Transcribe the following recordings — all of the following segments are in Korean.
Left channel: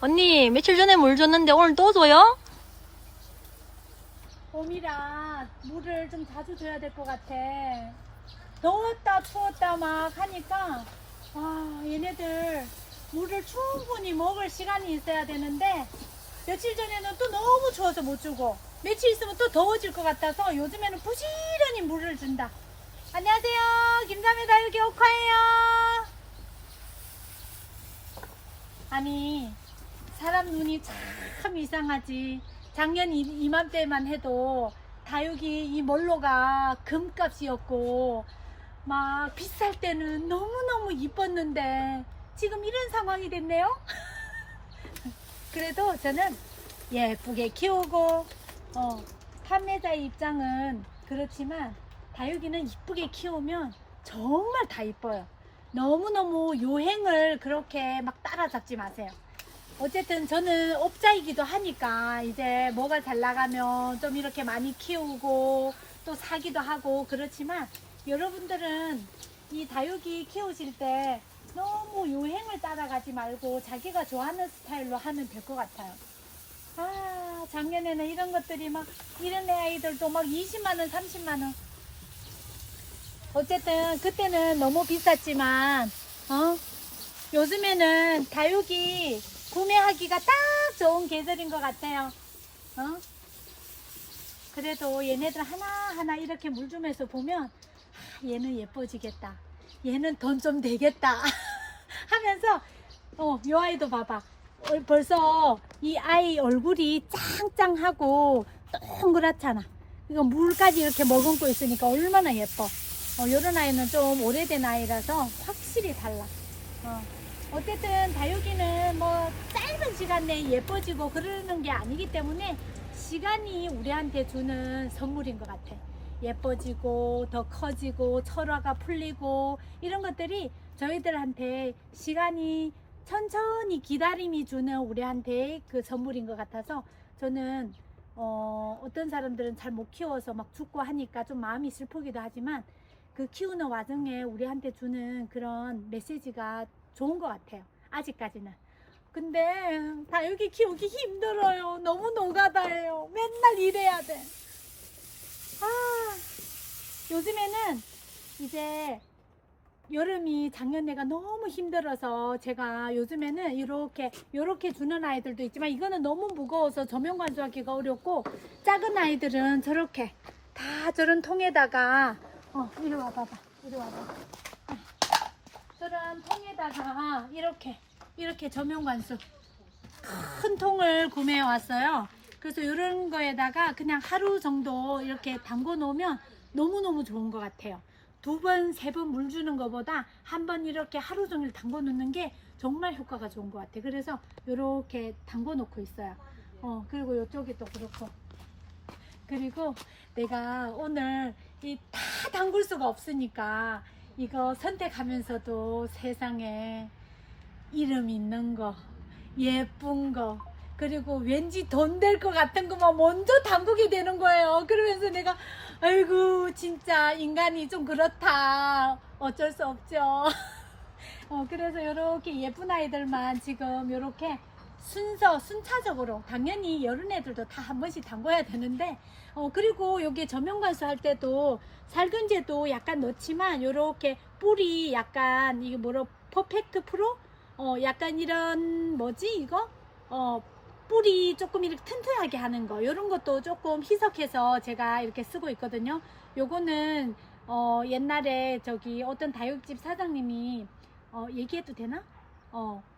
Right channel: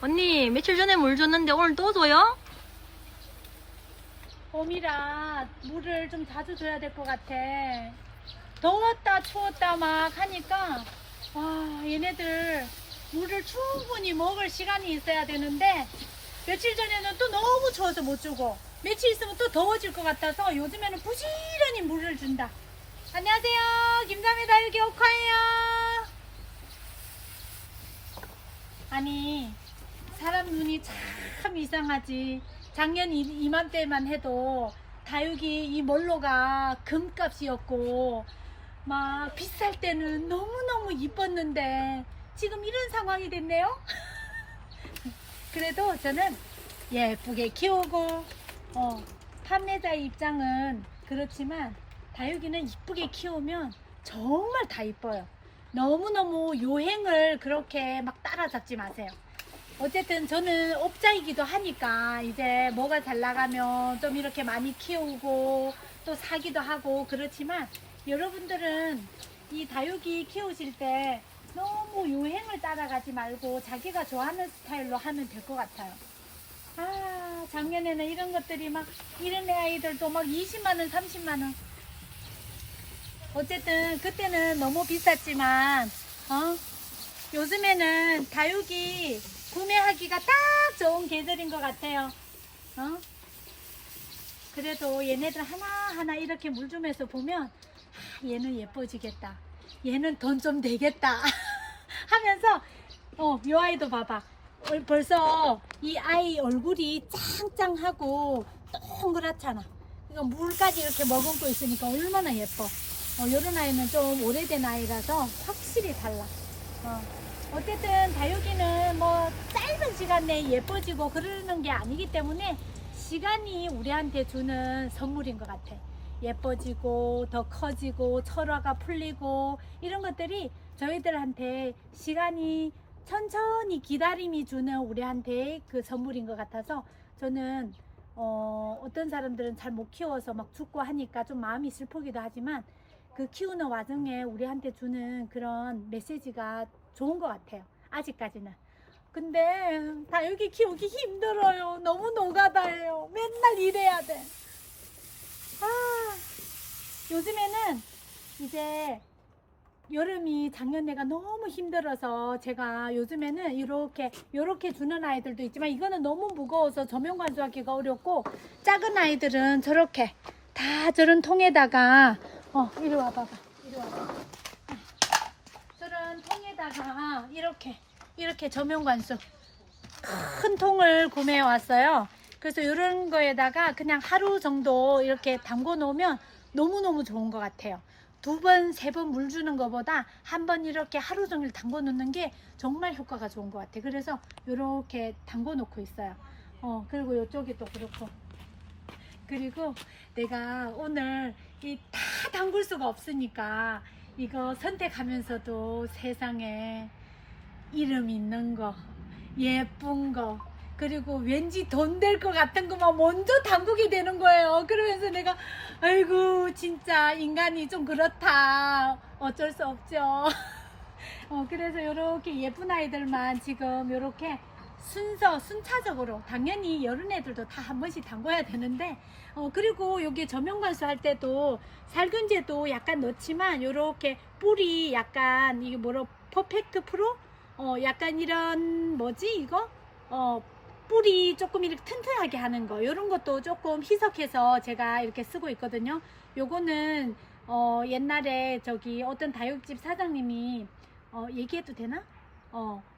언니, 며칠 전에 물 줬는데 오늘 또 줘요? 봄이라 물을 좀 자주 줘야 될 것 같아. 더웠다 추웠다 막 하니까 와, 얘네들 물을 충분히 먹을 시간이 있어야 되는데 며칠 전에는 또 너무 추워서 못 주고 며칠 있으면 또 더워질 것 같아서 요즘에는 부지런히 물을 준다. 안녕하세요, 김삼의 다육이 옥화예요. 아니, 사람 눈이 참 이상하지. 작년 이맘때만 해도 다육이 이 몰로가 금값이었고 막 비쌀 때는 너무너무 이뻤는데 지금 이런 상황이 됐네요. 그래도 저는 예쁘게 키우고 판매자의 입장은 그렇지만 다육이는 이쁘게 키우면 정말 다 이뻐요. 너무너무 요행을 그렇게 막 따라잡지 마세요. 어쨌든 저는 업자이기도 하니까 이제 뭐가 잘 나가면 좀 이렇게 많이 키우고 또 사기도 하고 그렇지만 여러분들은 이 다육이 키우실 때 너무 유행을 따라가지 말고 자기가 좋아하는 스타일로 하면 될 것 같아요. 아, 작년에는 이런 것들이 막 이런 애 아이들도 막 20만원 30만원 어쨌든 그때는 너무 비쌌지만 요즘에는 다육이 구매하기가 딱 좋은 계절인 것 같아요. 그래도 얘네들 하나하나 이렇게 물 주면서 보면 얘는 예뻐지겠다, 얘는 돈 좀 되겠다 하면서 요 아이도 봐봐. 벌써 이 아이 얼굴이 짱짱하고 동그랗잖아. 이거 물까지 이렇게 머금고 있으니까 얼마나 예뻐. 요런 아이는 좀 오래된 아이라서 확실히 달라. 어쨌든 다육이는 뭐 짧은 시간 내에 예뻐지고 그러는 게 아니기 때문에 시간이 우리한테 주는 선물인 것 같아. 예뻐지고 더 커지고 철화가 풀리고 이런 것들이 저희들한테 시간이 천천히 기다림이 주는 우리한테 그 선물인 것 같아서 저는 어떤 사람들은 잘 못 키워서 막 죽고 하니까 좀 마음이 슬프기도 하지만 그 키우는 와중에 우리한테 주는 그런 메시지가 좋은 것 같아요. 아직까지는. 근데 다육이 키우기 힘들어요. 너무 노가다예요. 맨날 일해야 돼. 요즘에는 이제 여름이 작년에가 너무 힘들어서 제가 요즘에는 이렇게 주는 아이들도 있지만 이거는 너무 무거워서 조명 관수하기가 어렵고 작은 아이들은 저렇게 다 저런 통에다가 이리 와봐봐. 이리 와봐. 저런 통에다가 이렇게 조명 관수 큰 통을 구매해 왔어요. 그래서 이런 거에다가 그냥 하루 정도 이렇게 담궈 놓으면 너무너무 좋은 것 같아요. 2번, 3번 물 주는 것보다 한 번 이렇게 하루 종일 담궈 놓는 게 정말 효과가 좋은 것 같아요. 그래서 이렇게 담궈 놓고 있어요. 그리고 이쪽이 또 그렇고. 그리고 내가 오늘 다 담글 수가 없으니까 이거 선택하면서도 세상에 이름 있는 거, 예쁜 거, 그리고 왠지 돈 될 것 같은 것만 먼저 담그게 되는 거예요. 그러면서 내가 아이고 진짜 인간이 좀 그렇다. 어쩔 수 없죠. 그래서 이렇게 예쁜 아이들만 지금 이렇게 순차적으로 당연히 여른 애들도 다 한 번씩 담궈야 되는데 그리고 여기 저명관수 할 때도 살균제도 약간 넣지만 이렇게 뿌리 약간 이게 뭐로 퍼펙트 프로 약간 이런 뭐지 이거 뿌리 조금 이렇게 튼튼하게 하는 거 이런 것도 조금 희석해서 제가 이렇게 쓰고 있거든요. 요거는 옛날에 저기 어떤 다육집 사장님이 얘기해도 되나?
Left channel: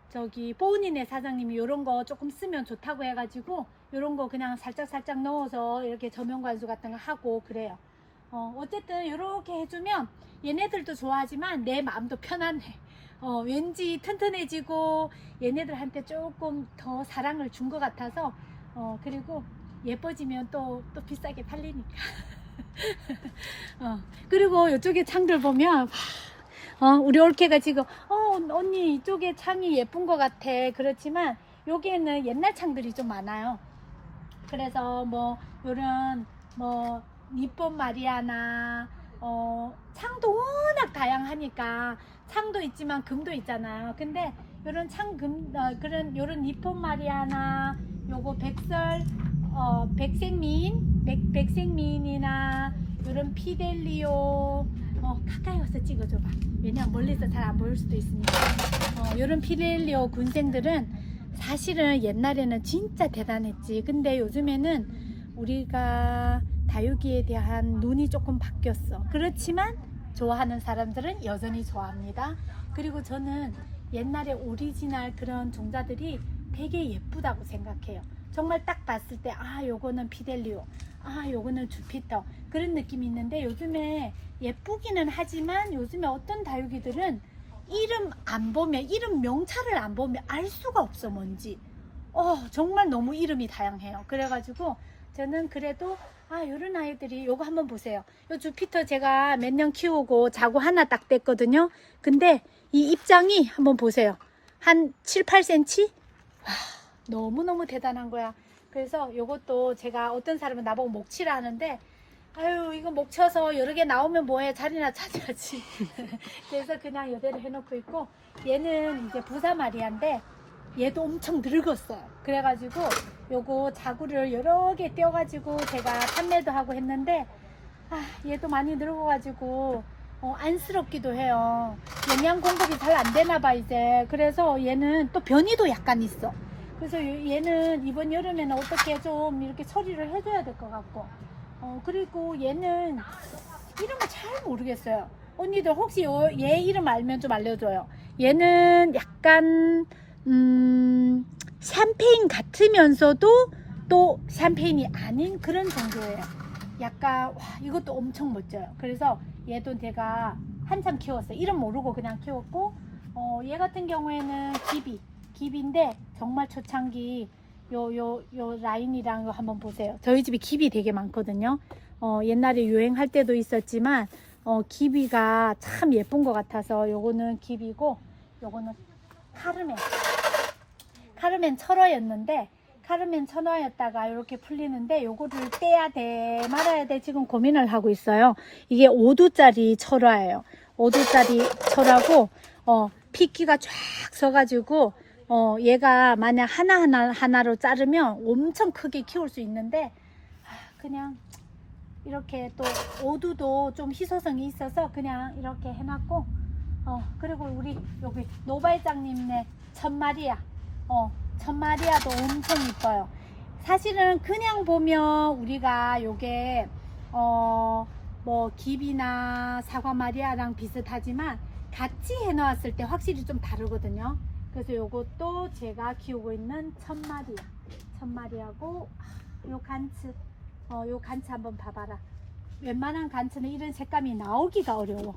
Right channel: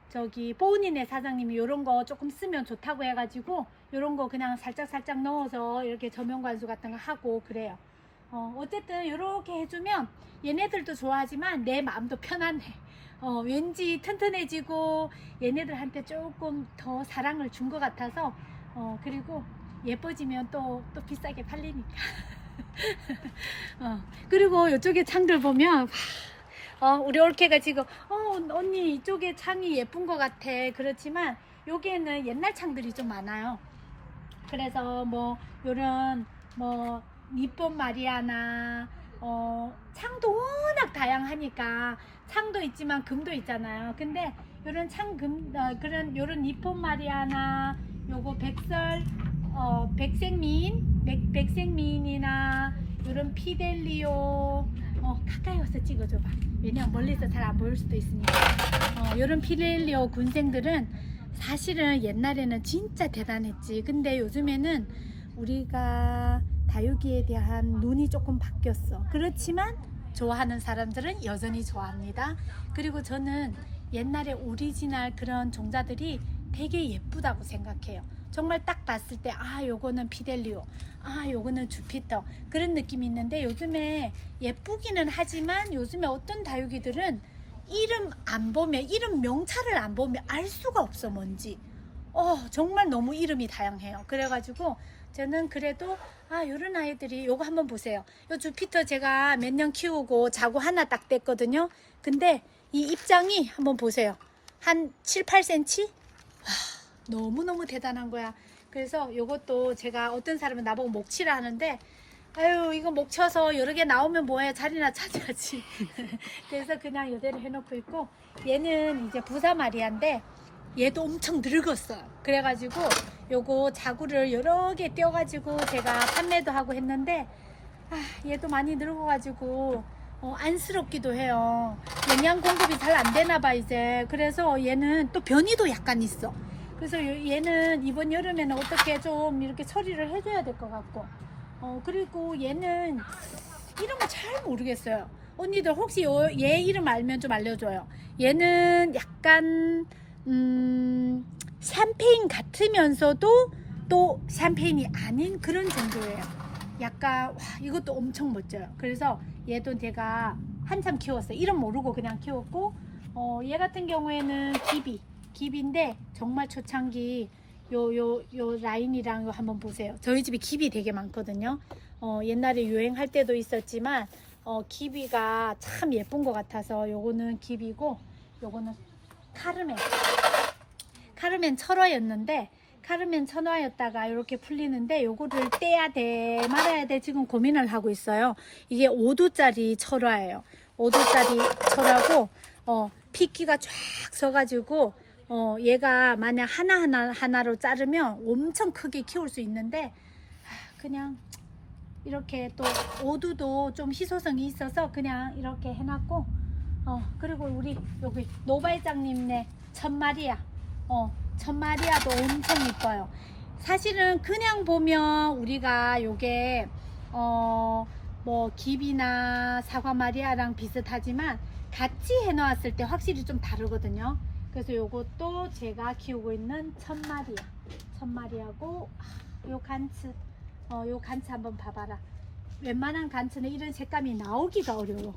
저기 보은이네 사장님이 이런 거 조금 쓰면 좋다고 해가지고 이런 거 그냥 살짝 넣어서 이렇게 저명관수 같은 거 하고 그래요. 어쨌든 이렇게 해주면 얘네들도 좋아하지만 내 마음도 편안해. 왠지 튼튼해지고 얘네들한테 조금 더 사랑을 준 것 같아서 그리고 예뻐지면 또 비싸게 팔리니까. 그리고 이쪽에 창들 보면 우리 올케가 지금 언니 이쪽에 창이 예쁜 것 같아. 그렇지만 여기에는 옛날 창들이 좀 많아요. 그래서 뭐 요런 뭐 니폰 마리아나 창도 워낙 다양하니까 창도 있지만 금도 있잖아요. 근데 요런 참금 그런 요런 니폰 마리아나 요거 백생미인이나 요런 피델리오 가까이 와서 찍어줘봐. 왜냐면 멀리서 잘 안 보일 수도 있으니까. 요런 피델리오 군생들은 사실은 옛날에는 진짜 대단했지. 근데 요즘에는 우리가 다육이에 대한 눈이 조금 바뀌었어. 그렇지만 좋아하는 사람들은 여전히 좋아합니다. 그리고 저는 옛날에 오리지널 그런 종자들이 되게 예쁘다고 생각해요. 정말 딱 봤을 때 요거는 피델리오, 요거는 주피터, 그런 느낌이 있는데, 요즘에 예쁘기는 하지만 요즘에 어떤 다육이들은 이름 안 보면, 이름 명찰을 안 보면 알 수가 없어. 뭔지 정말 너무 이름이 다양해요. 그래가지고 저는 그래도 요런 아이들이, 요거 한번 보세요. 요 주피터 제가 몇 년 키우고 자고 하나 딱 됐거든요. 근데 이 입장이 한번 보세요. 한 7, 8cm? 너무너무 대단한 거야. 그래서 요것도 제가, 어떤 사람은 나보고 목치라 하는데, 이거 목 쳐서 여러 개 나오면 뭐해, 자리나 찾아야지. 그래서 그냥 이대로 해놓고 있고, 얘는 이제 부사 마리아인데 얘도 엄청 늙었어요. 그래가지고 요거 자구를 여러 개 떼어가지고 제가 판매도 하고 했는데, 얘도 많이 늙어가지고 안쓰럽기도 해요. 영양 공급이 잘 안 되나 봐 이제. 그래서 얘는 또 변이도 약간 있어. 그래서 얘는 이번 여름에는 어떻게 좀 이렇게 처리를 해줘야 될 것 같고, 그리고 얘는 이름을 잘 모르겠어요. 언니들 혹시 얘 이름 알면 좀 알려줘요. 얘는 약간 샴페인 같으면서도 또 샴페인이 아닌 그런 정도예요. 약간 이것도 엄청 멋져요. 그래서 얘도 제가 한참 키웠어요. 이름 모르고 그냥 키웠고, 얘 같은 경우에는 기비인데 정말 초창기 요 라인이랑 요 한번 보세요. 저희 집에 기비 되게 많거든요. 옛날에 유행할 때도 있었지만 기비가 참 예쁜 것 같아서 요거는 기비고, 요거는 카르멘 철화였는데, 카르멘 천화였다가 이렇게 풀리는데, 요거를 떼야 돼 말아야 돼 지금 고민을 하고 있어요. 이게 5도짜리 철화예요. 5도짜리 철화고 핏기가 쫙 서가지고 얘가 만약 하나로 자르면 엄청 크게 키울 수 있는데, 그냥 이렇게 또 오두도 좀 희소성이 있어서 그냥 이렇게 해놨고, 그리고 우리 여기 노발장님네 천마리아, 천마리아도 엄청 이뻐요. 사실은 그냥 보면 우리가 요게 뭐 기비나 사과마리아랑 비슷하지만 같이 해놓았을 때 확실히 좀 다르거든요. 그래서 요것도 제가 키우고 있는 천마리아고, 요 간츠, 요 간츠 한번 봐봐라. 웬만한 간츠는 이런 색감이 나오기가 어려워.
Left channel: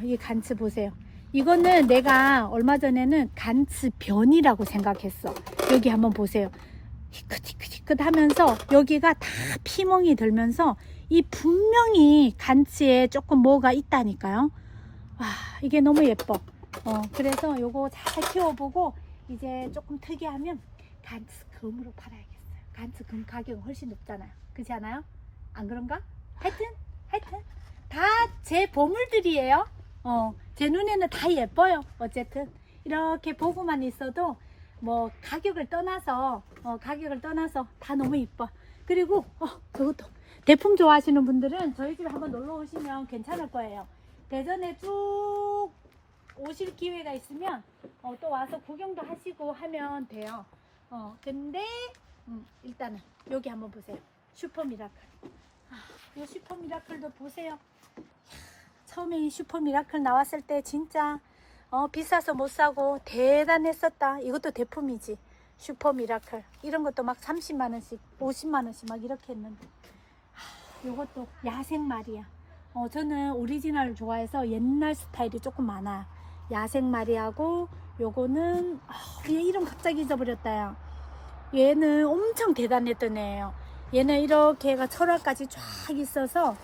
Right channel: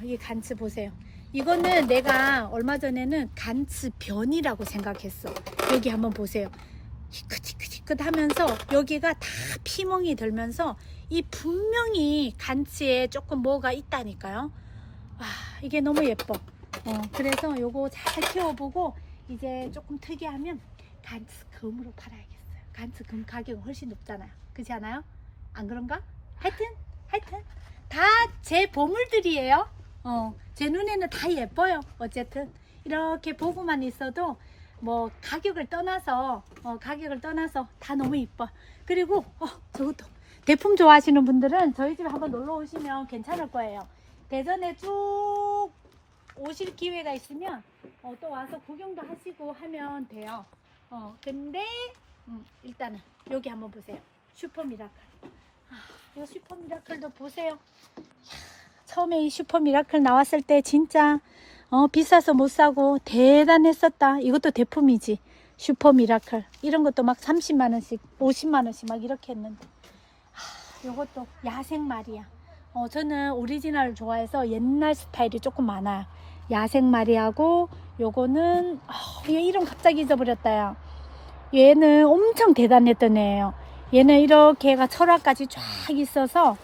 이 간츠 보세요. 이거는 내가 얼마 전에는 간츠 변이라고 생각했어. 여기 한번 보세요. 희끗희끗 하면서 여기가 다 피멍이 들면서 이 분명히 간츠에 조금 뭐가 있다니까요. 이게 너무 예뻐. 그래서 요거 잘 키워보고 이제 조금 특이하면 간츠 금으로 팔아야겠어요. 간츠 금 가격은 훨씬 높잖아요. 그렇지 않아요? 안 그런가? 하여튼 다 제 보물들이에요. 제 눈에는 다 예뻐요. 어쨌든 이렇게 보고만 있어도 뭐 가격을 떠나서 다 너무 이뻐. 그리고 저것도 대품 좋아하시는 분들은 저희 집에 한번 놀러 오시면 괜찮을 거예요. 대전에 쭉 오실 기회가 있으면 또 와서 구경도 하시고 하면 돼요. 근데 일단은 여기 한번 보세요. 슈퍼미라클. 이 슈퍼미라클도 보세요. 처음에 이 슈퍼미라클 나왔을 때 진짜 비싸서 못 사고 대단했었다. 이것도 대품이지. 슈퍼미라클 이런 것도 막 30만원씩 50만원씩 막 이렇게 했는데, 요것도 야생마리아. 저는 오리지널을 좋아해서 옛날 스타일이 조금 많아요. 야생마리아고, 요거는 얘 이름 갑자기 잊어버렸다 야. 얘는 엄청 대단했던 애예요. 얘는 이렇게 얘가 철화까지 쫙 있어서,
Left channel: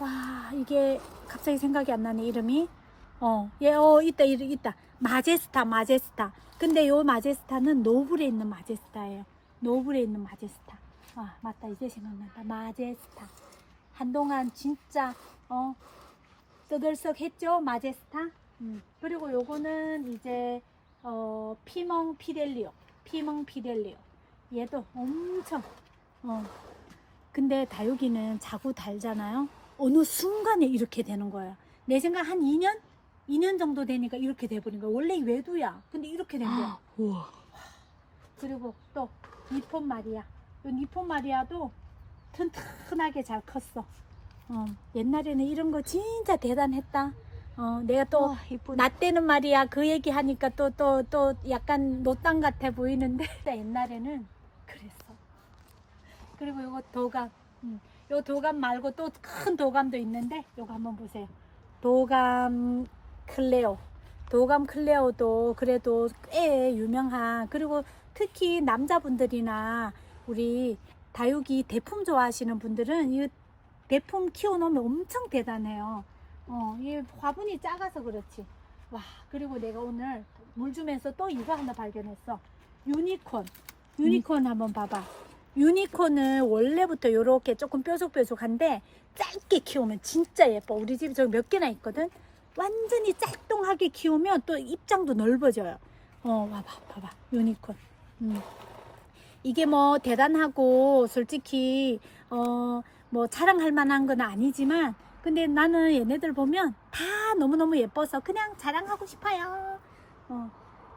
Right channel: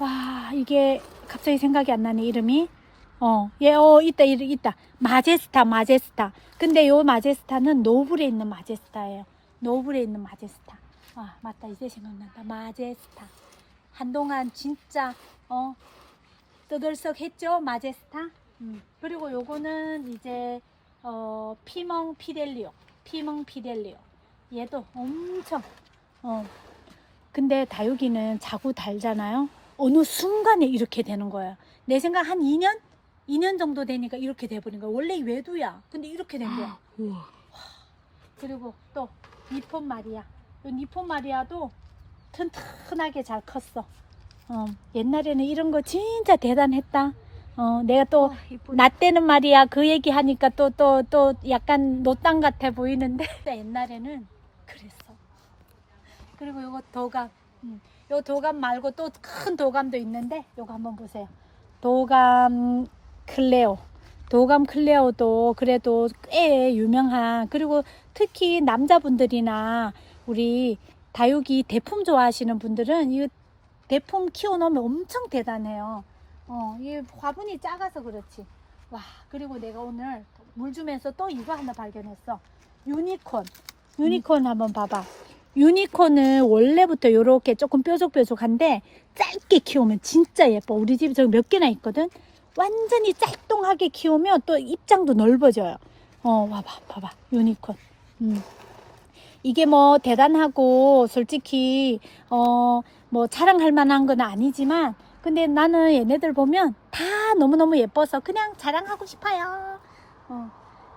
와, 이게 갑자기 생각이 안 나네 이름이. 얘 있다. 마제스타. 근데 요 마제스타는 노블에 있는 마제스타예요. 노블에 있는 마제스타. 맞다, 이제 생각난다. 마제스타. 한동안 진짜 떠들썩 했죠, 마제스타. 그리고 요거는 이제 피멍 피델리오. 얘도 엄청, 근데 다육이는 자고 달잖아요. 어느 순간에 이렇게 되는 거예요. 내 생각 한 2년 정도 되니까 이렇게 돼버린 거야. 원래 외두야. 근데 이렇게 된 거야. 우와. 그리고 또 니폰 마리아. 이 니폰 마리아도 튼튼하게 잘 컸어. 옛날에는 이런 거 진짜 대단했다. 내가 또 우와, 이쁘다. 나 때는 말이야 그 얘기 하니까 또 약간 노땅 같아 보이는데 옛날에는 그랬어. 그리고 요거 도감. 요 도감 말고 또 큰 도감도 있는데 요거 한번 보세요. 도감 클레오도 그래도 꽤 유명한, 그리고 특히 남자분들이나 우리 다육이 대품 좋아하시는 분들은 이 대품 키워놓으면 엄청 대단해요. 이 화분이 작아서 그렇지. 와, 그리고 내가 오늘 물 주면서 또 이거 하나 발견했어. 유니콘 한번 봐봐. 유니콘은 원래부터 이렇게 조금 뾰족뾰족한데 짧게 키우면 진짜 예뻐. 우리 집에 저기 몇 개나 있거든. 완전히 짤뚱하게 키우면 또 입장도 넓어져요. 봐봐. 유니콘. 이게 뭐 대단하고 솔직히 뭐 자랑할 만한 건 아니지만, 근데 나는 얘네들 보면 다 너무너무 예뻐서 그냥 자랑하고 싶어요.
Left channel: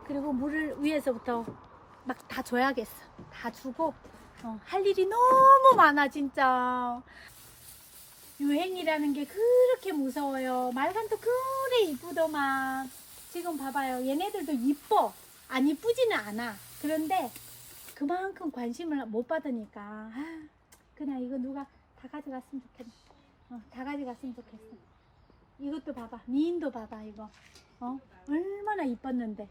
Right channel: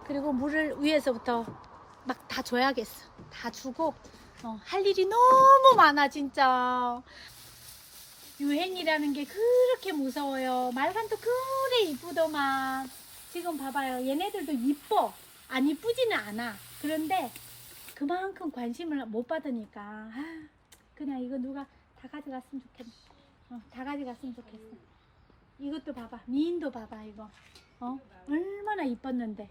그리고 물을 위에서부터 막 다 줘야겠어. 다 주고 할 일이 너무 많아 진짜. 유행이라는 게 그렇게 무서워요. 말간도 그래 이쁘더만. 지금 봐봐요. 얘네들도 이뻐. 안 이쁘지는 않아. 그런데 그만큼 관심을 못 받으니까 그냥 이거 누가 다 가져갔으면 좋겠네. 다 가져갔으면 좋겠어. 이것도 봐봐. 미인도 봐봐 이거. 얼마나 이뻤는데.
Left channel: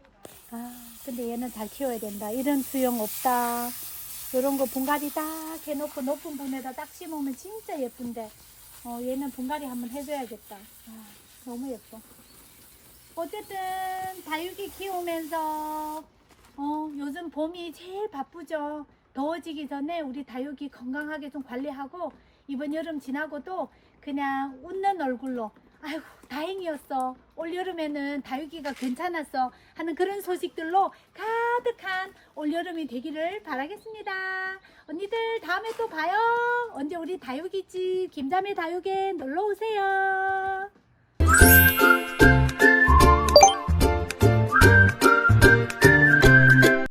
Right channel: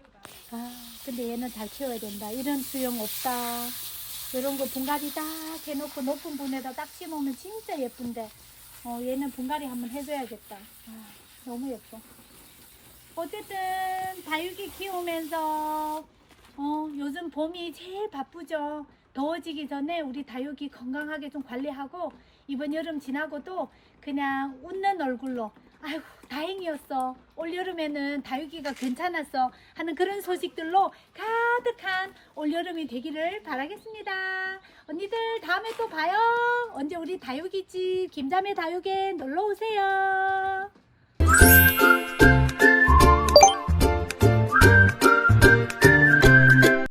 근데 얘는 잘 키워야 된다. 이런 수영 없다. 이런 거 분갈이 딱 해놓고 높은 분에다 딱 심으면 진짜 예쁜데. 얘는 분갈이 한번 해줘야겠다. 너무 예뻐. 어쨌든 다육이 키우면서 요즘 봄이 제일 바쁘죠. 더워지기 전에 우리 다육이 건강하게 좀 관리하고, 이번 여름 지나고도 그냥 웃는 얼굴로 아이고 다행이었어, 올 여름에는 다육이가 괜찮았어 하는 그런 소식들로 가득한 올 여름이 되기를 바라겠습니다. 언니들 다음에 또 봐요. 언제 우리 다육이집 김자매 다육에 놀러 오세요.